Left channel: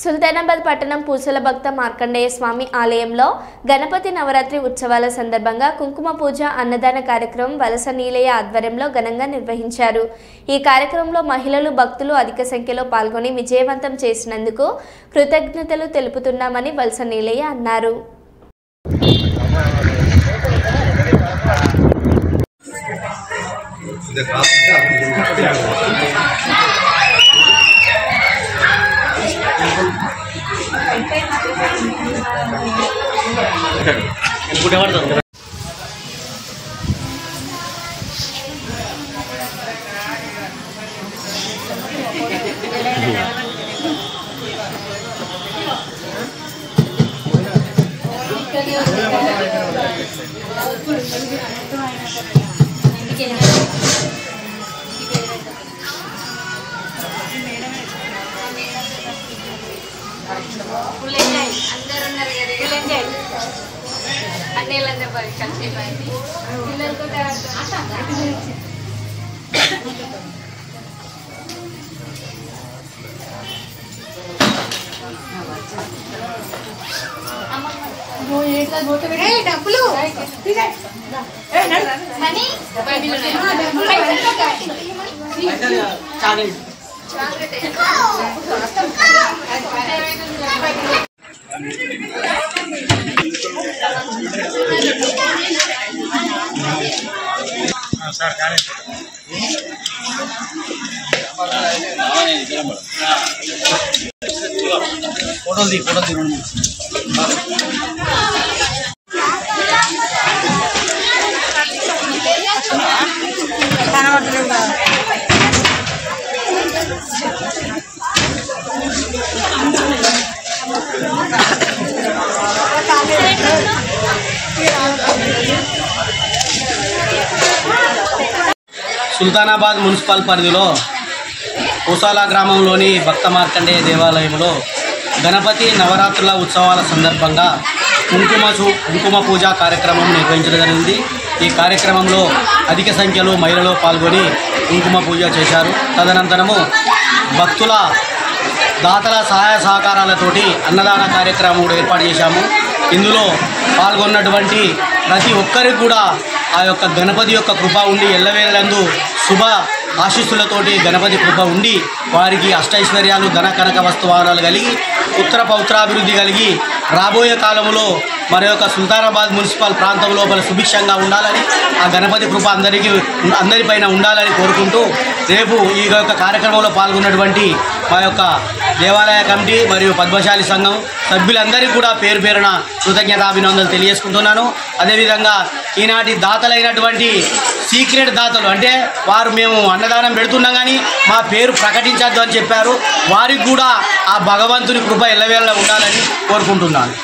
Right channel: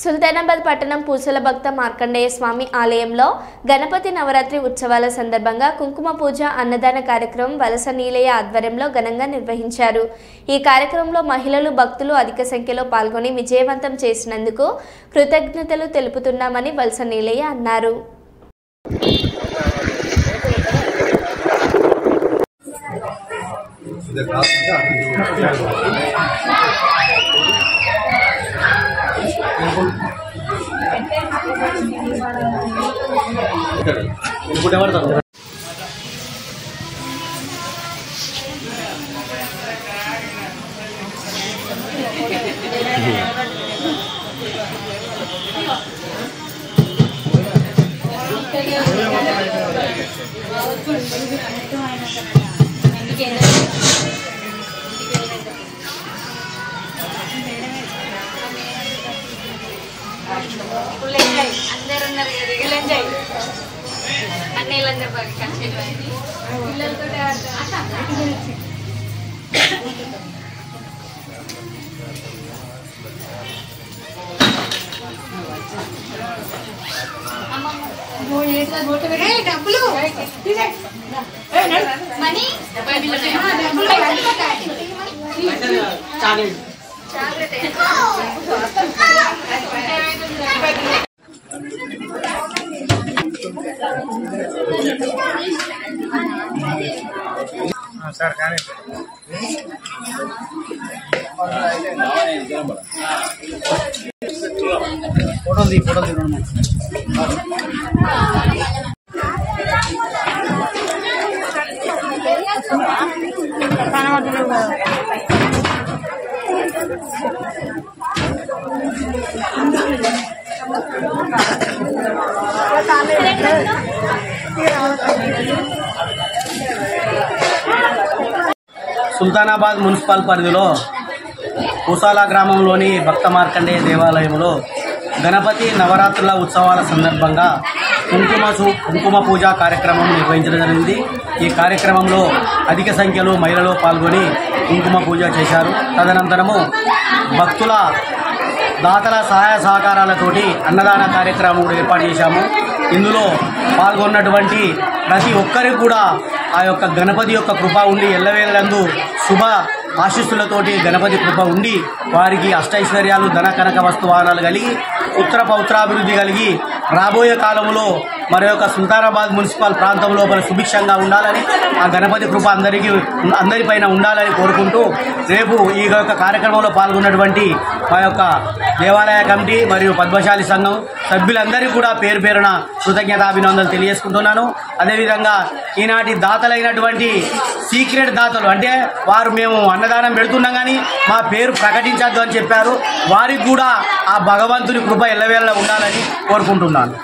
సుల్తానాబాద్ పట్టణం పూసల భక్త మార్కండేయ స్వామి ఆలయంలో గణపతి నవరాత్రి ఉత్సవాల సందర్భంగా కుంకుమ పూజ అన్నదాన కార్యక్రమం వలస నీలయ్య ఆధ్వర్యంలో ఘనంగా నిర్వహించారు। ఈ కార్యక్రమంలో మహిళలు భక్తులు అధిక సంఖ్యలో పాల్గొని విజయవంతం చేసినందుకు కృతజ్ఞతలు తెలుపుతున్నామని వలస నీలయ్య అన్నారు। సుల్తానాబాద్ మున్సిపల్ పరిధిలో పూసాల గ్రామంలోని భక్త మార్కండేయ దేవాలయంలో గణపతి నవరాత్రుల ఉత్సవాల సందర్భంగా కుంకుమ పూజ కార్యక్రమం నిర్వహించడం జరిగింది। ఈ కార్యక్రమంలో అధిక సంఖ్యలో మహిళలు పాల్గొని కుంకుమ పూజ చేశారు। తదనంతరము భక్తుల దాతల సహాయ సహకారాలతోటి అన్నదాన కార్యక్రమం కూడా ఏర్పాటు చేశాము। ఇందులో పాల్గొన్నటువంటి ప్రతి ఒక్కరికి కూడా ఆ యొక్క గణపతి యొక్క కృప ఉండి ఎల్లవేళలందు శుభ ఆశీస్సులతోటి గణపతి కృప ఉండి వారికి అష్టైశ్వర్యాలు ధన కనక వస్తువాహనాలు కలిగి ఉత్తర పౌత్రాభివృద్ధి కలిగి రాబోయే కాలంలో మరి యొక్క సుల్తానాబాద్ మున్సిపల్ ప్రాంతం లోపల సుభిక్షంగా ఉండాలని ఆ గణపతి కృప అందరిపైన ఉండాలని కోరుకుంటూ రేపు ఈ యొక్క కార్యక్రమంలో పాల్గొన్నటువంటి మా యొక్క దేవాలయ కమిటీ మరియు పద్మశాలి సంఘం సభ్యులందరికీ కూడా పేరు పేరున కృతజ్ఞతాభినందనలు తెలియజేసుకుంటున్నాను। అదేవిధంగా ఈనాటి దాతలైనటువంటి సీక్రెట్ దాతలు అంటే వారు మేము అన్నదానం పెడుతున్నాం కానీ మా పేరు ప్రకటించద్దు అని చెప్పారు, వారికి కూడా ఆ భగవంతుని కృప ఎల్లవేళలా ఉండాలని కోరుకుంటున్నాను।